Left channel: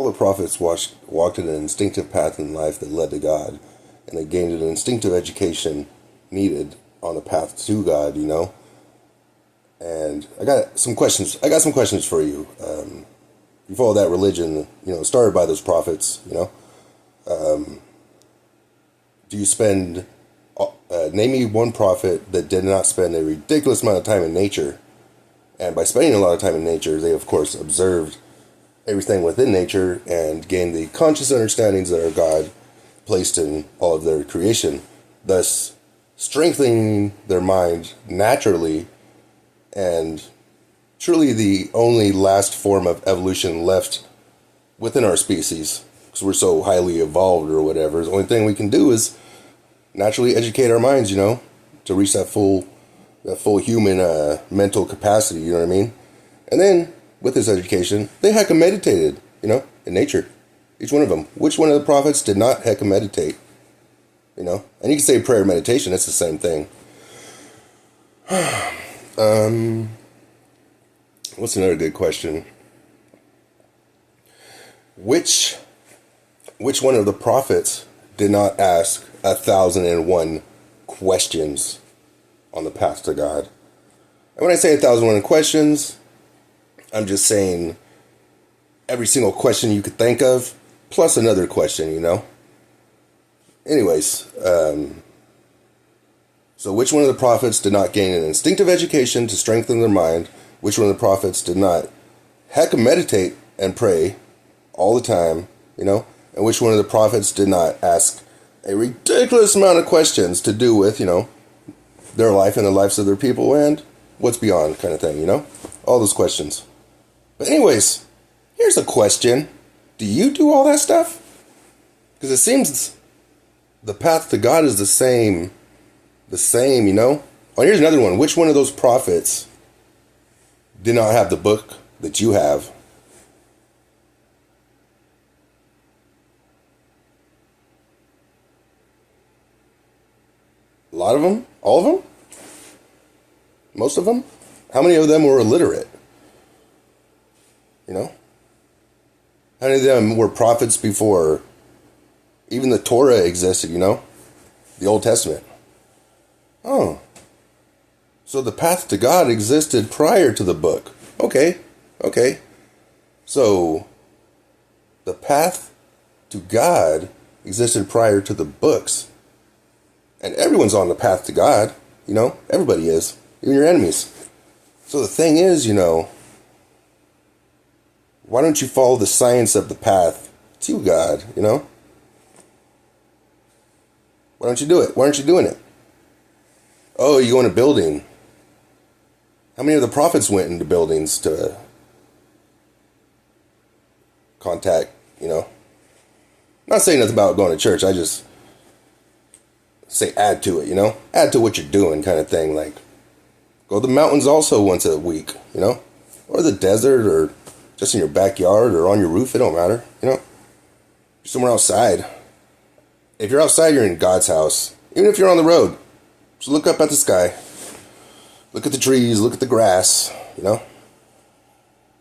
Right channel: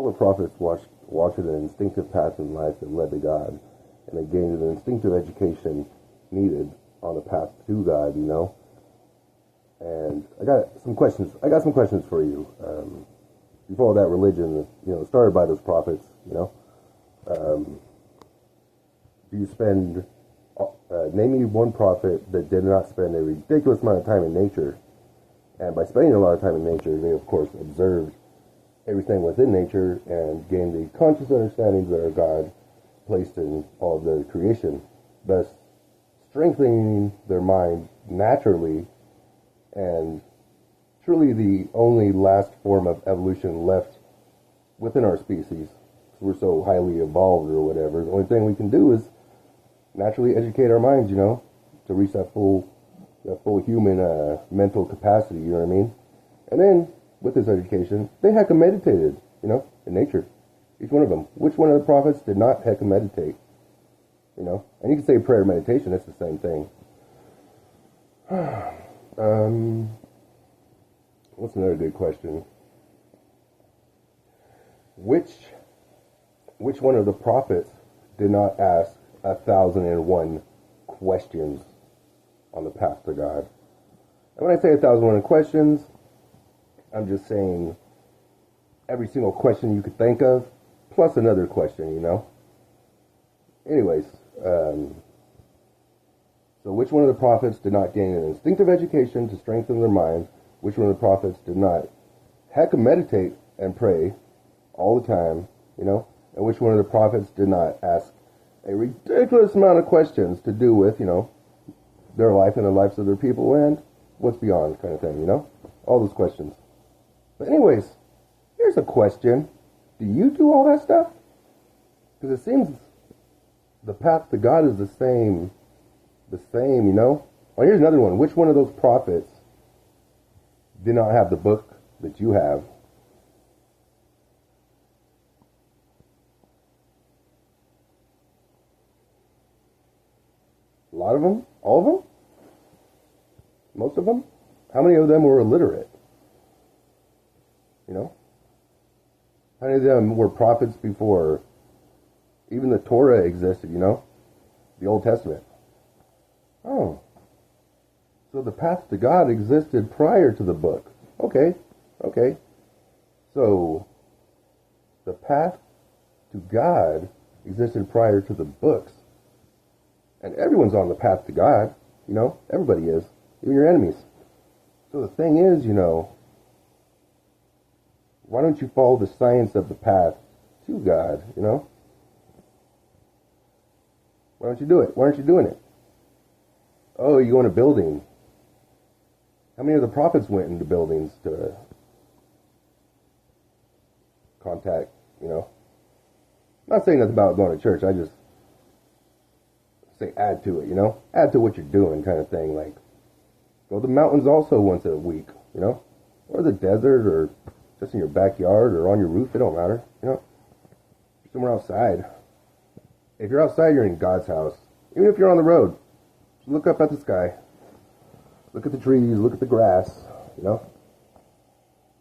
All the prophets walked in an instinctive path in life that led to God, and they gained an instinctive education needed on the path to God, And I got some questions. For you. You follow that religion, started by those prophets, Do you spend, name me one prophet that did not spend a ridiculous amount of time in nature. And by spending a lot of time in nature, they, of course, observed everything within nature and gained the conscious understandings that our God placed in all of their creation, thus strengthening their mind naturally and truly the only last form of evolution left within our species, because we're so highly evolved or whatever. The only thing we can do is naturally educate our minds, to reach that full human mental capacity, you know what I mean? And then with this education, they hecka meditated, in nature. Each one of them. Which one of the prophets did not hecka meditate? And you can say prayer meditation, it's the same thing. What's another good question? Which one of the prophets did not ask 1,001 questions on the path to God? And when I say 1,001 questions, I'm just saying every single question you could think of, plus another question, Anyways, so which one of the prophets did not gain an instinctive education to strengthen their mind? Which one of the prophets did not hecka meditate and pray all the time, And which one of the prophets did not ask a ridiculous amount of questions to do with, their life and the lives of their people and what's beyond kind of thing, All those questions. But anyways, here's a question. Do you do all that stuff? Because it seems the path to God is the same, Oh, here's another one. Which one of those prophets did not have the book that you have? A lot of them? All of them? Most of them? How many of them were illiterate? How many of them were prophets before even the Torah existed, The Old Testament. Oh. So the path to God existed prior to the book. Okay. So the path to God existed prior to the books. And everyone's on the path to God, Everybody is. Even your enemies. So the thing is, why don't you follow the science of the path to God, Why don't you do it? Why aren't you doing it? Oh, you go in a building. How many of the prophets went into buildings to contact, Not saying nothing about going to church. I just say add to it, Add to what you're doing kind of thing. Like, go to the mountains also once a week, Or the desert, or just in your backyard or on your roof. It don't matter, Somewhere outside. If you're outside, you're in God's house. Even if you're on the road, just look up at the sky. Look at the trees, look at the grass, That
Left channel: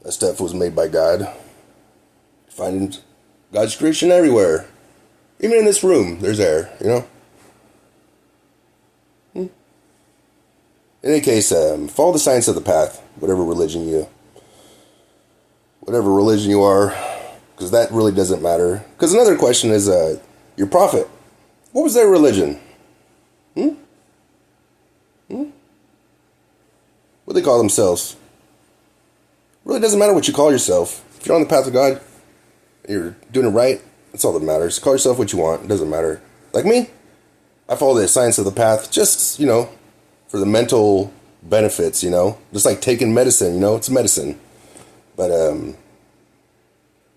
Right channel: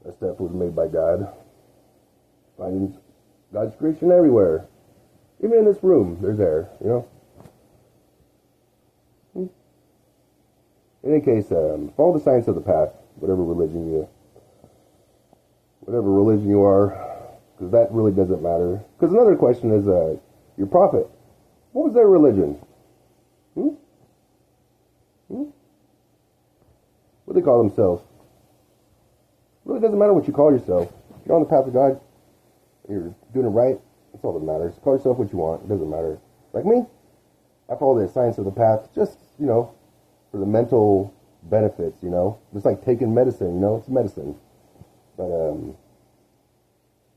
stuff was made by God. Finding God's creation everywhere. Even in this room, there's air, In any case, follow the science of the path, whatever religion you are, because that really doesn't matter. Because another question is, your prophet, what was their religion? What do they call themselves? It really doesn't matter what you call yourself. If you're on the path of God, you're doing it right, that's all that matters. Call yourself what you want, it doesn't matter. Like me, I follow the science of the path just, for the mental benefits, Just like taking medicine, it's medicine. But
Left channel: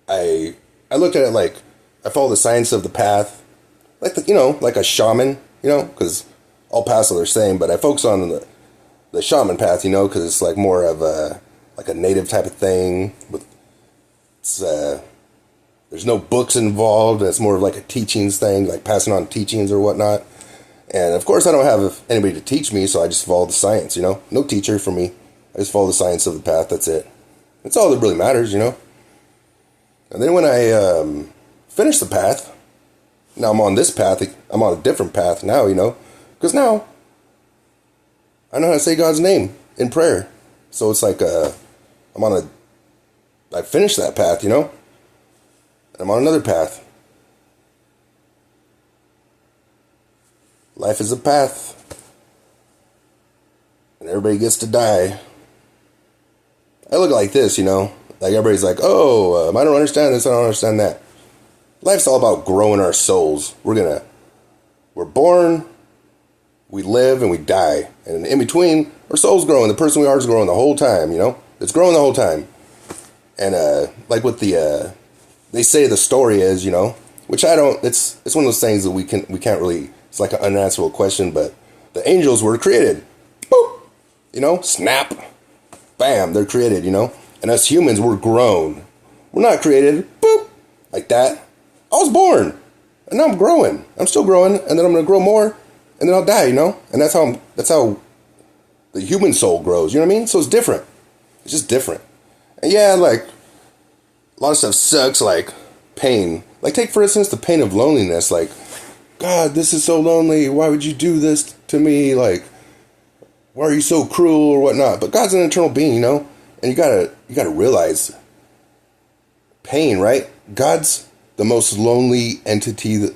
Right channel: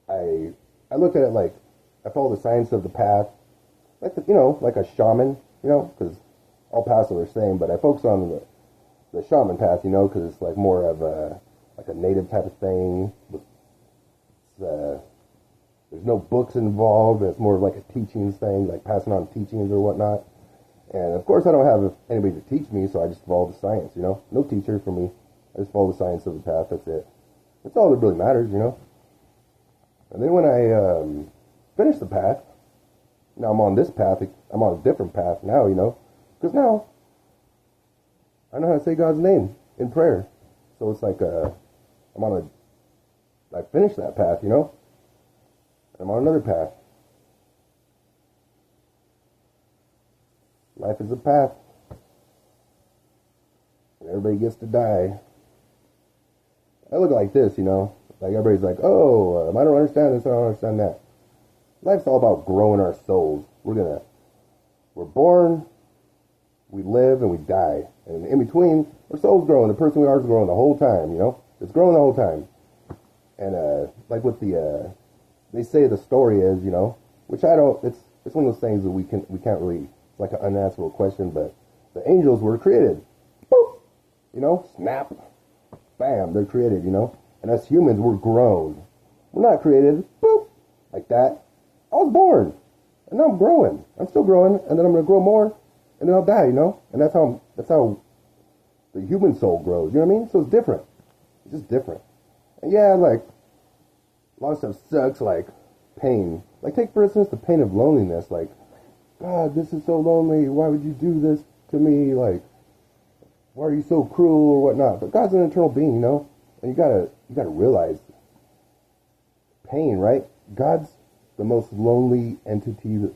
I looked at it like I follow the science of the path, like like a shaman, because all paths are the same. But I focus on the shaman path, because it's like more of a native type of thing. With there's no books involved, and it's more of like a teachings thing, like passing on teachings or whatnot. And of course, I don't have anybody to teach me, so I just follow the science. No teacher for me. I just follow the science of the path. That's it. That's all that really matters, And then when I finished the path, now I'm on this path. I'm on a different path now, because now I know how to say God's name in prayer. So it's like I finished that path, and I'm on another path. Life is a path, and everybody gets to die. I look like this, like everybody's like, oh, I don't understand this, I don't understand that. Life's all about growing our souls. We're born, we live, and we die. And in between, our soul's growing. The person we are is growing the whole time, It's growing the whole time. And like what they say the story is, which I don't, it's one of those things that we can't really, it's like an unanswerable question, but the angels were created. Boop! Snap. Bam, they're created, And us humans, we're grown. We're not created. Boop! Like that. I was born. And now I'm growing. I'm still growing, and then I'm going to grow more, and then I'll die, And that's how the human soul grows, you know what I mean? So it's different. It's just different. And yeah, like, a lot of stuff sucks, like pain. Like, take, for instance, the pain of loneliness. Like, God, this is so lonely. Why would you do this to me? Like, why are you so cruel or whatnot? But God's an eternal being, And you gotta realize pain, right? God's the most lonely entity, the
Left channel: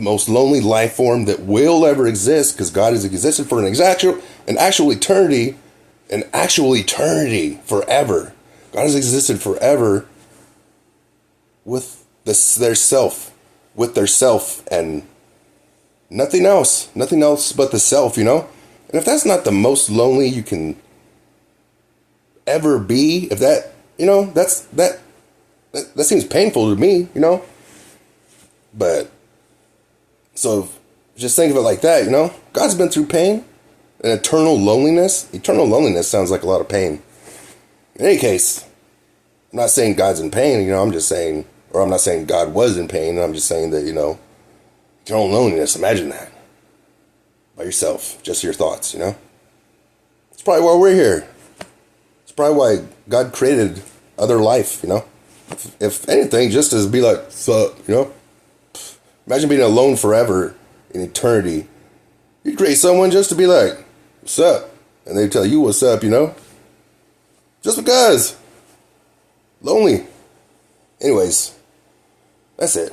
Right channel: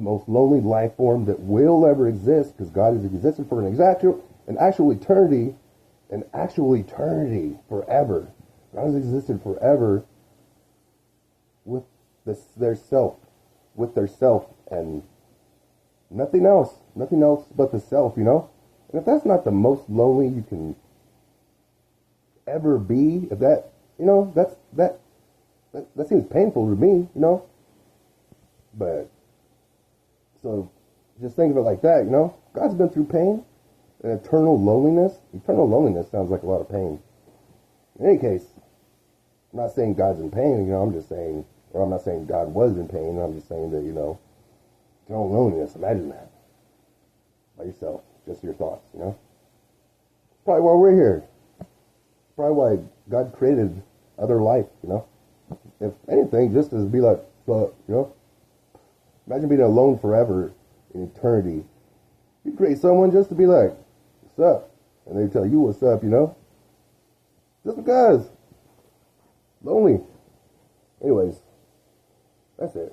most lonely life form that will ever exist, because God has existed for an actual eternity, forever. God has existed forever with their self, and nothing else but the self, And if that's not the most lonely you can ever be, if that, that seems painful to me, But, so just think of it like that, God's been through pain and eternal loneliness. Eternal loneliness sounds like a lot of pain. In any case, I'm not saying God's in pain, I'm just saying, or I'm not saying God was in pain. I'm just saying that, eternal loneliness, imagine that. By yourself, just your thoughts, It's probably why we're here. It's probably why God created other life, If anything, just to be like, sup, Imagine being alone forever in eternity. You'd create someone just to be like, what's up? And they tell you what's up, Just because. Lonely. Anyways, that's it.